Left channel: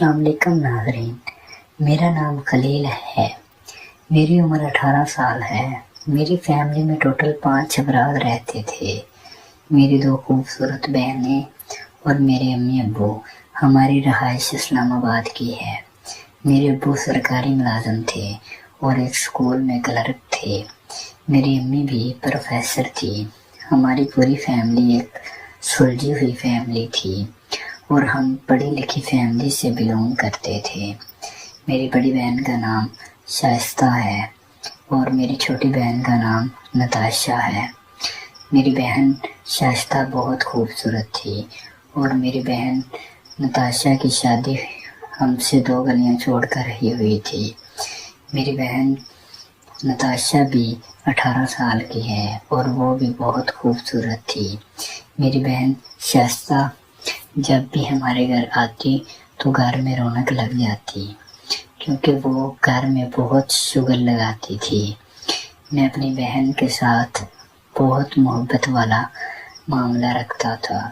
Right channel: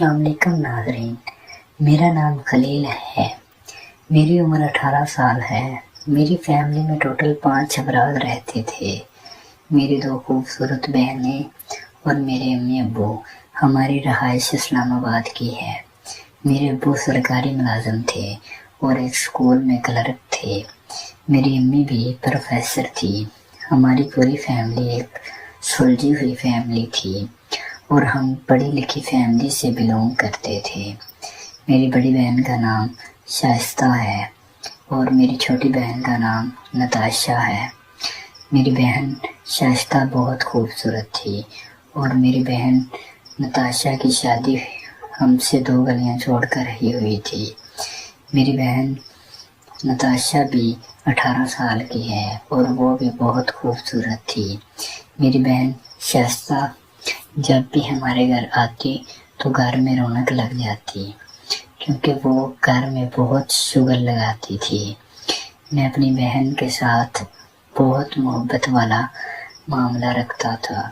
अस्सलाम वालेकुम नाज़रीन, मेरा नाम खलील है। मेरी उम्र 18 साल है। मेरी फैमिली में टोटल 5 अफराद रहते थे। मेरी 2 खूबसूरत बहनें और मेरे अम्मी अब्बू। हमारी रहाइश इस्लामाबाद की है। मेरे अब्बू सरकारी मुलाजिम थे और एक स्कूल में क्लर्क थे। मेरी अम्मी भी प्रोफेसर थी। हमारी पूरी फैमिली एक सुलझी हुई फैमिली थी और हम पढ़ी लिखी फैमिली से बिलोंग करते थे। मेरी बड़ी बहन का नाम शाइस्ता है और मेरी छोटी बहन का नाम नताशा है। मेरी बहन शाइस्ता बहुत खूबसूरत थी और मेरी बहन नताशा की शादी हमसे 2 गलियां छोड़कर ही हुई थी। मेरी बहन नताशा भी 18 साल की है और वो भी बहुत खूबसूरत थी। मेरी बहन शाइस्ता जब भी हमारे घर आती तो घर में रौनक लग जाती, क्योंकि वो घर में बहुत शुगर लगाती थी। मैं अपनी बहन के साथ बहुत मोहब्बत वाला मामला रखता था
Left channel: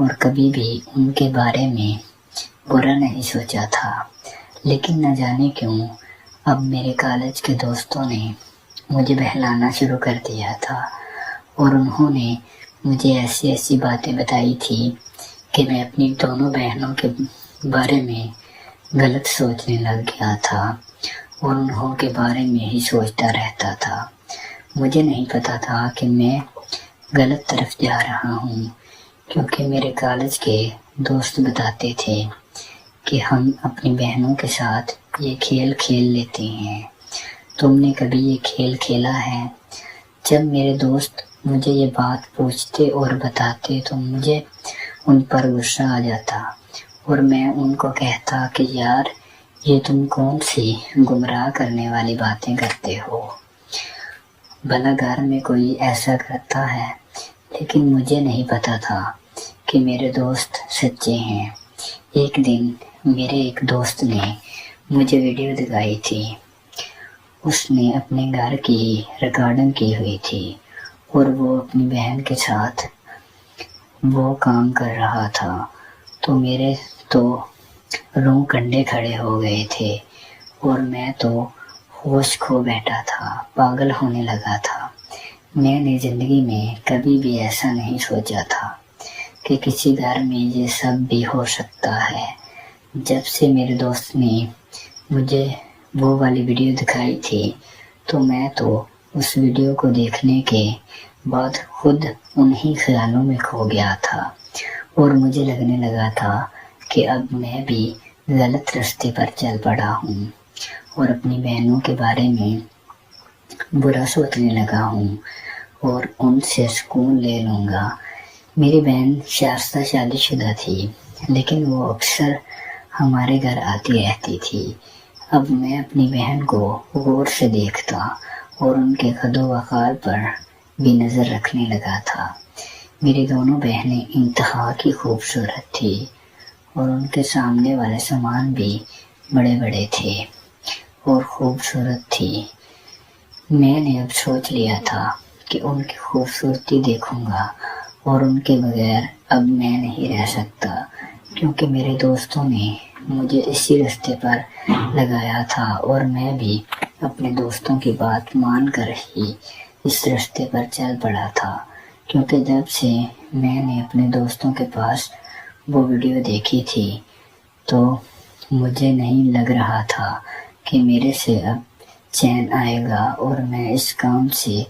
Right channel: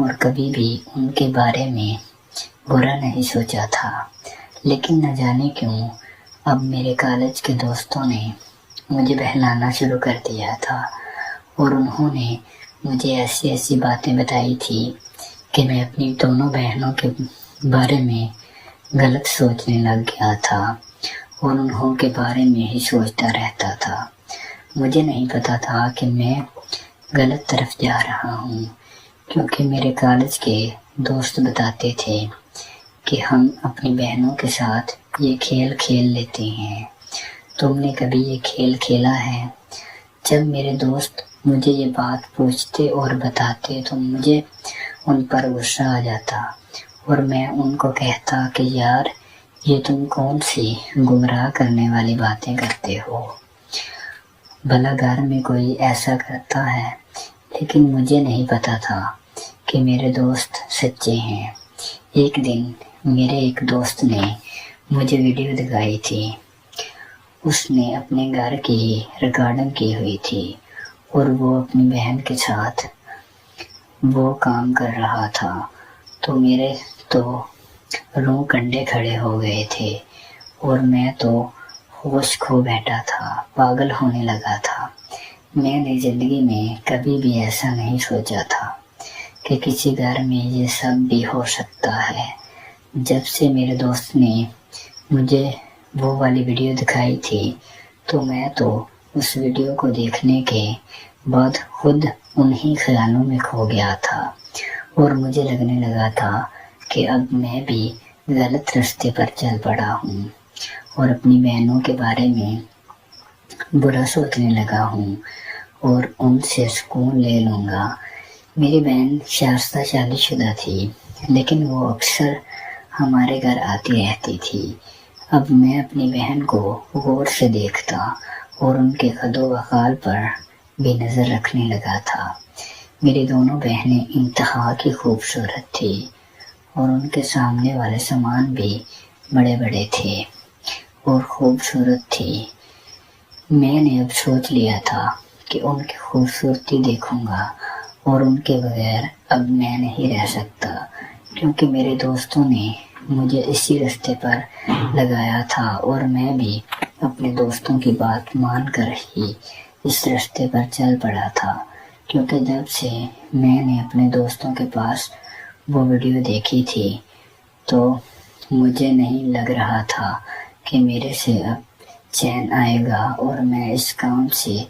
और कभी भी उनके बारे में बुरा नहीं सोचा था। लेकिन न जाने क्यों अब मेरे कॉलेज के दोस्तों ने मुझे बहलाना शुरू कर दिया था और उन्होंने मुझे ऐसी ऐसी बातें बताई थी कि मैं अपनी दोनों बहनों के बारे में गलत सोचने लग गया था और उन्हों के बारे में ही सोचता रहता था। मुझे नहीं पता था कि मैं गलत तरफ जा रहा हूँ, क्योंकि मेरे कॉलेज के दोस्त बताते थे कि हम अपनी बहनों के साथ ये खेल खेल लेते हैं। तुमने कभी ये खेल खेला है? जब मेरे दोस्त मुझे ये बात पूछते और बताते तो मुझे उन पर गुस्सा आ जाता और मैं उनको कहता कि यार, ये तुम कौन सी गुमराह करने वाली बातें करते हो। भला घर में कोई ऐसा करता है, लेकिन मुझे नहीं पता था कि मेरे दोस्त सच्चे हैं। एक दिन मेरे एक दोस्त ने मुझे वीडियो दिखाई थी। उसने अपने घर की रिकॉर्डिंग की हुई थी और वो अपनी बहन के साथ वो काम कर रहा था। तो मेरे तो रों कंडे खड़े हो गए थे और मैं तो होश खो बैठा था, पागल होने लगा था। मैंने ज़िंदगी में कभी भी ऐसा नहीं सोचा था कि किसी घर में ये सब भी हो सकता है। जब से मेरे दोस्त ने मुझे वो वाली वीडियो दिखाई थी तो मैं तो उस वीडियो को देखने के बाद खुद उन्हीं ख्यालों में खो गया था और मुझे लगने लगा था कि अब मैं भी गलत रास्ते पर चल पड़ा हूँ और अपनी बहनों के बारे में बुरा सोचने लगा हूँ और उनसे सुकून ले लूँगा। मेरी बहन शाइस्ता शादीशुदा थी, लेकिन वो अक्सर हमारे घर आती रहती थी। अब मैं अपनी बहन को गौर से देखता और उनके कदो वकाल पर भी नज़र रखने लगा था। मेरी दोनों बहनें इंतहा की खूबसूरत थी और उनके सामने वाले सामान भी बड़े बड़े थे और खूबसूरत थी। मैंने अब सोच लिया था कि उनकी खूबसूरती देखूंगा और उनके बगैर अब मैं नहीं रह सकता, क्योंकि मेरे दोस्तों ने मुझे इसी रास्ते पर लगाया था और मैं भी अपने दोस्तों की बात मानकर ही इस रास्ते पर चल पड़ा था। क्योंकि जब से मैंने अपने दोस्तों के पास वो वीडियो देखी थी तो मुझे नहीं लग रहा था कि मेरे से अब चैन आएगा और मैं इस काम से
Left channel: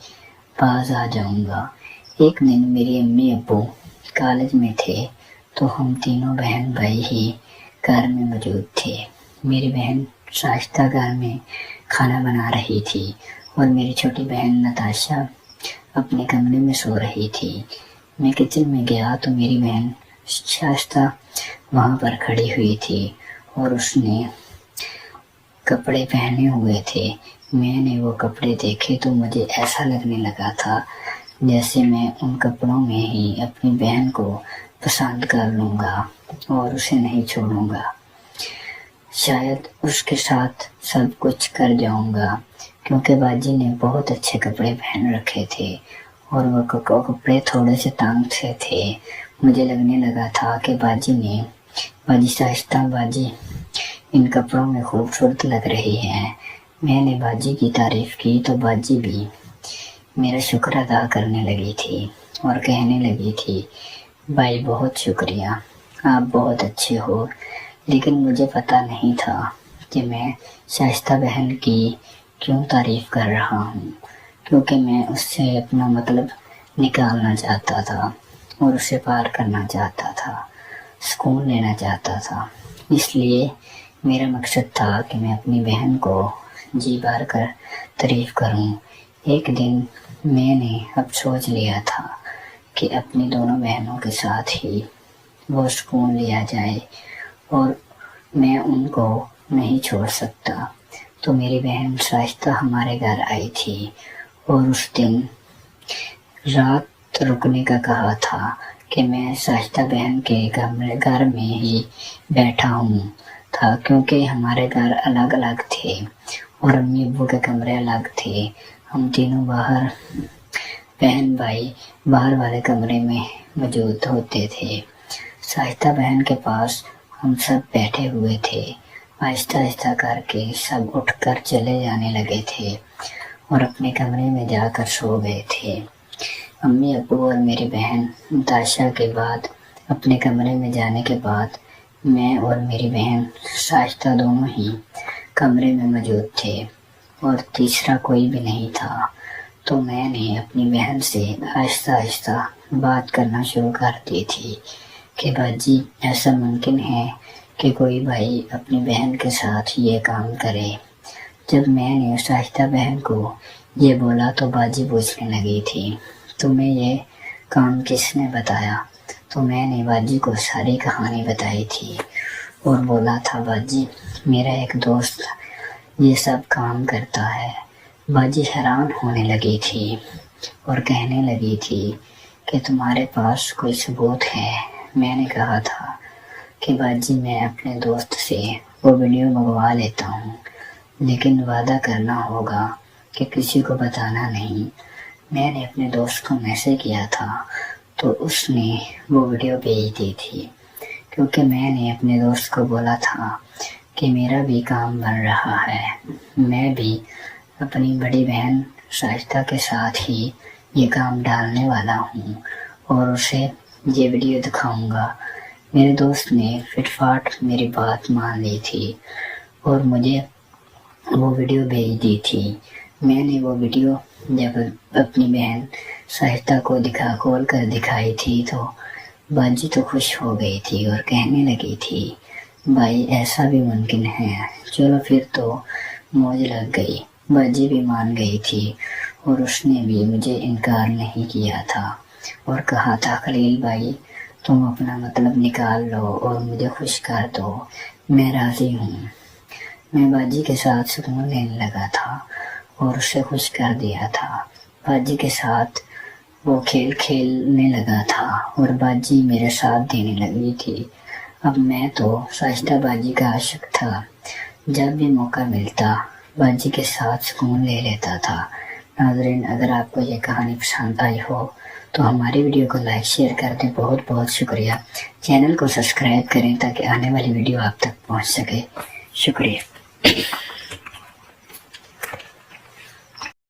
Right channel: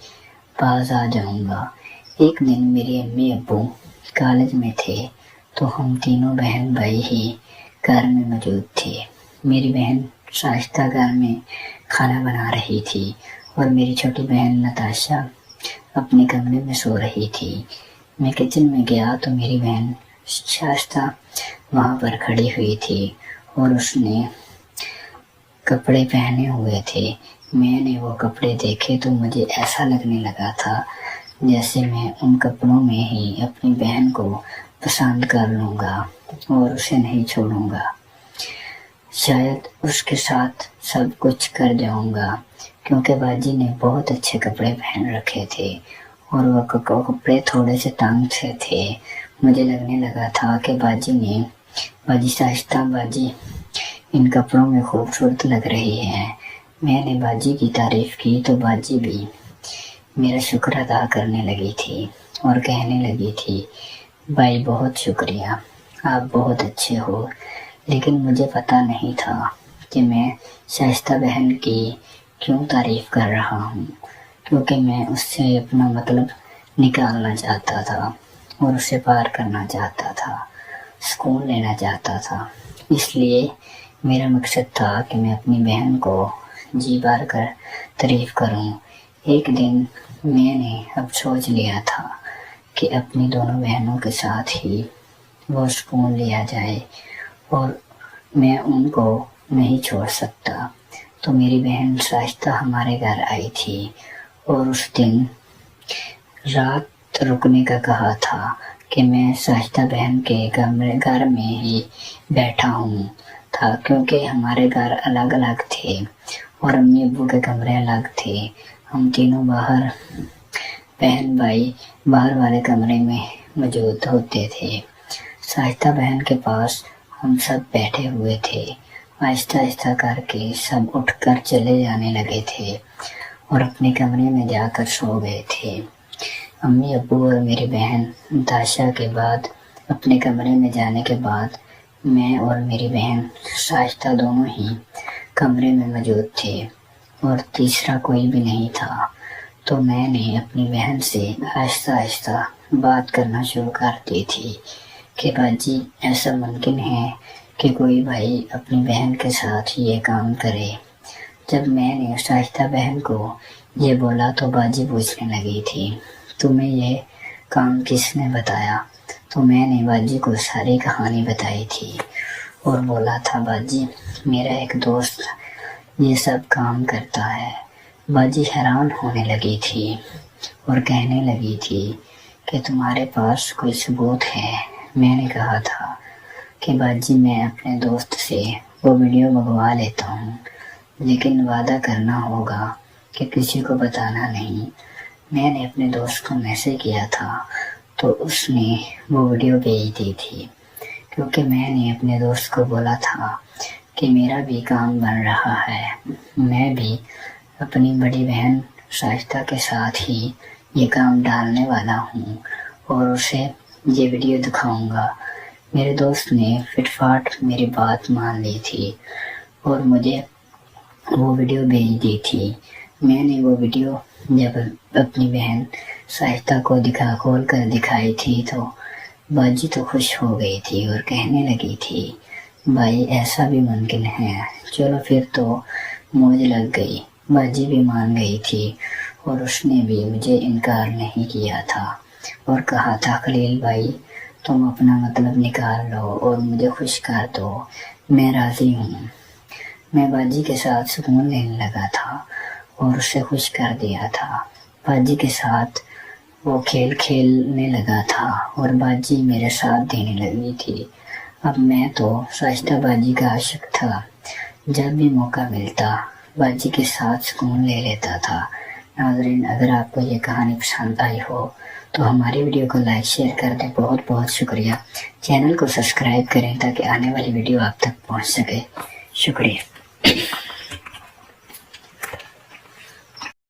बाज आ जाऊंगा। एक दिन मेरी अम्मी अब्बू कॉलेज में थे तो हम तीनों बहन भाई ही घर में मौजूद थे। मेरी बहन शाइस्ता घर में खाना बना रही थी और मेरी छोटी बहन नताशा अपने कमरे में सो रही थी। मैं किचन में गया तो मेरी बहन शाइस्ता वहाँ पर खड़ी हुई थी और उसने कपड़े पहने हुए थे। मैंने वो कपड़े देखे तो मुझे ऐसा लगने लगा था जैसे मैं उन कपड़ों में ही अपनी बहन को पसंद कर लूँगा और उसे नहीं छोड़ूंगा। शायद उसके साथ सब कुछ कर जाऊंगा, क्योंकि बाजी ने बहुत अच्छे कपड़े पहन रखे थे और वो कपड़े थोड़े से तंग से थे। मुझे लगने लगा था कि बाजी शाइस्ता बाजी ان کپڑوں میں خوبصورت لگ رہی ہیں۔ میں نے باجی کی تعریف کی تو باجی بھی میرا شکر ادا کرنے لگی تھی اور کہنے لگی تھی بھائی بہت شکریہ، آپ بہت اچھے ہو، لیکن مجھے پتہ نہیں تھا کہ میں شائستہ بہن کی کیوں تعریف کر رہا ہوں، کیونکہ میں اس سے اپنا مطلب نکالنا چاہتا تھا اور اسے پار کرنا چاہتا تھا، سکون لینا چاہتا تھا۔ اس لیے میرا مقصد تھا کہ میں اپنی بہن کو جی بھر کر تعریف کروں۔ ایک دن میں نے اب سوچ لیا تھا کہ اپنی دونوں بہنوں کے ساتھ ہی وہ سکون لیا جائے اور میں ان کو نہیں چھوڑ سکتا۔ تو میری بہن شائستہ ہمارے گھر آئی تھی اور اس دن رات رکنے کا کہا تھا کہ میں شائستہ بہن کے گھر میں ہی بیٹھا ہوں تھا، کیونکہ ہمارے گھر الگ الگ تھے اور امی ابو کے کمرے الگ تھے۔ ہم تینوں باہر، بہن بھائی باہر والے کمرے میں موجود ہوتے تھے۔ شائستہ بہن کے پاس ہم سب بیٹھے ہوئے تھے۔ آہستہ آہستہ کر کے سب اٹھ کر چلے جانے لگے تھے اور اپنے کمرے میں جا کر سو گئے تھے۔ امی ابو اور میری بہن تاشا کے بعد اپنے کمرے میں جانے کے بعد میں اور میری بہن شائستہ دونوں ہی کمرے میں موجود تھے اور تیسرا کوئی بھی نہیں تھا۔ تو میں نے اپنی بہن سے آہستہ آہستہ بات کرنا شروع کر دی تھی کہ باجی ایسا ممکن ہے کہ کوئی بھائی اپنی بہن کے ساتھ یہ کام کرے۔ جب میں نے شائستہ بہن کو یہ بولا تو باجی پوچھنے لگی تھی تمہیں یہ کام کس نے بتایا؟ تو میں نے باجی کو ساری کہانی بتائی تھی اور بولا تھا باجی میرا ایک دوست یہ سب کام کرتا ہے۔ باجی حیران ہونے لگی تھی اور کہنے لگی تھی کہ تمہارے پاس کوئی ثبوت ہے؟ میں نے کہا تھا کہ باجی میں اپنے دوست سے وہ ویڈیو منگوا لیتا ہوں، لیکن وعدہ کرنا ہوگا کہ کسی کو بتانا نہیں۔ میں نے اپنے دوست کو میسج کیا تھا تو اس نے وہ ویڈیو بھیج دی تھی، کیونکہ میں نے اپنے دوست کو بولا تھا کہ میرا بھی کام بن رہا ہے، میں بھی اپنی بڑی بہن شائستہ کے ساتھ ہی یہ کام ڈالنے والا ہوں اور اسے یہ ویڈیو دکھاؤں گا۔ میرے دوست نے فٹ فاٹ میری بات مان لی تھی اور مجھے وہ ویڈیو بھیج دی تھی۔ میں نے وہ ویڈیو جب اپنی بہن شائستہ کو کھول کر دکھائی تھی تو باجی تو خوش ہو گئی تھی اور کہنے لگی تھی بھائی ایسا بھی ممکن ہے۔ چلو پھر تو موج لگ گئی، باجی بھی مان گئی تھی اور اس نے بھی مجھے انکار نہیں کیا تھا اور کہا تھا خلیل بھائی تم اپنا مطلب نکال لو اور مجھے خوش کر دو، میں راضی ہوں۔ میں باجی کے ساتھ سکون لینے لگا تھا اور اسے خوش کر دیا تھا۔ باجی کے ساتھ وہ کھیل کھیلنے لگا تھا اور باجی میرے ساتھ دینے لگی تھی۔ اب میں تو شائستہ باجی کا عاشق تھا، جب بھی موقع ملتا باجی کے ساتھ سکون لے لیتا تھا۔ ناظرین اگر آپ کو یہ کہانی پسند آئی ہو تو ہماری ویڈیو کو لائک شیئر کر دیں۔ بہت بہت شکریہ۔ چینل کو سبسکرائب کریں تاکہ آنے والی ویڈیو آپ تک پہنچ سکے۔ شکریہ۔